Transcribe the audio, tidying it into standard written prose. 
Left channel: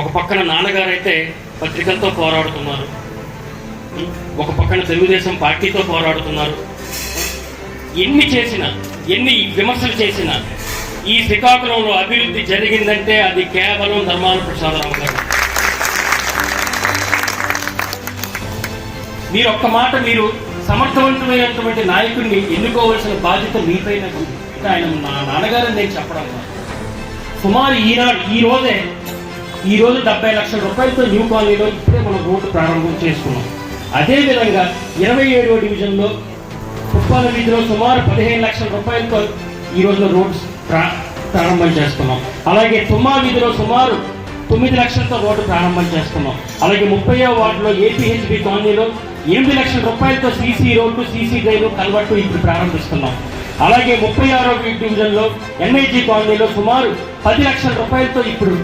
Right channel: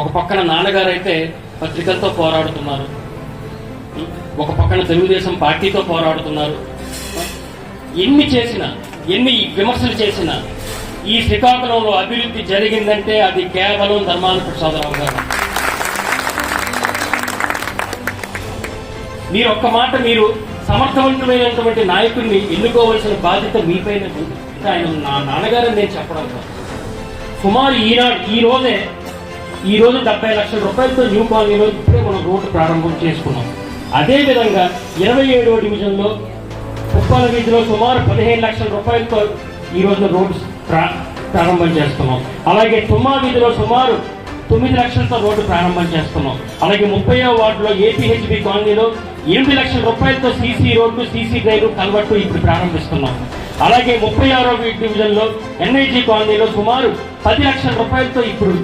ఒక పక్కన నాన్నగారు అయితే పత్రికలతో పోరాడుతున్నారు, ఒక పక్కన తెలుగుదేశం పార్టీతో పోరాడుతున్నారు. ఎన్ని చేసినా, ఎన్ని విమర్శలు చేసినా ఈ శ్రీకాకుళంలో అభివృద్ధి జరిగిందంటే అది కేవలం ధర్మాన ప్రసాదరావు గారు. మీరు ఒక్క మాట, మీరు సమర్థవంతమైనటువంటి నాయకుడిని ఎన్నుకోవాల్సిన బాధ్యత మీపైన. ఆయన నా నాన్నగారని నేను చెప్పడం కాదు. సుమారు ఈ రోజు 70 లక్షల రూపాయలతో న్యూ కాలనీలో ఇప్పుడే మనం రోడ్డు ప్రారంభం చేసుకున్నాం. అదేవిధంగా 27వ డివిజన్లో పుష్పాల వీధిలో సుమారు 15 లక్షల రూపాయలతో ఈరోజు రోడ్డు ప్రారంభం చేస్తున్నాం. అలాగే తుమ్మా వీధిలో సుమారు 9 లక్షలతో రోడ్డు ప్రారంభం చేస్తున్నాం. అలాగే 30వ వార్డులో ఏపీహెచ్బి కాలనీలో 8 లక్షల రూపాయలతో సీసీ రోడ్డు, సీసీ డ్రైవ్, కన్వర్టు ఇప్పుడు ప్రారంభిస్తున్నాం. అలాగే 36వ డివిజన్లో ఎన్ఐజీ కాలనీలో సుమారు 10 లక్షల రూపాయలతో ఇప్పుడు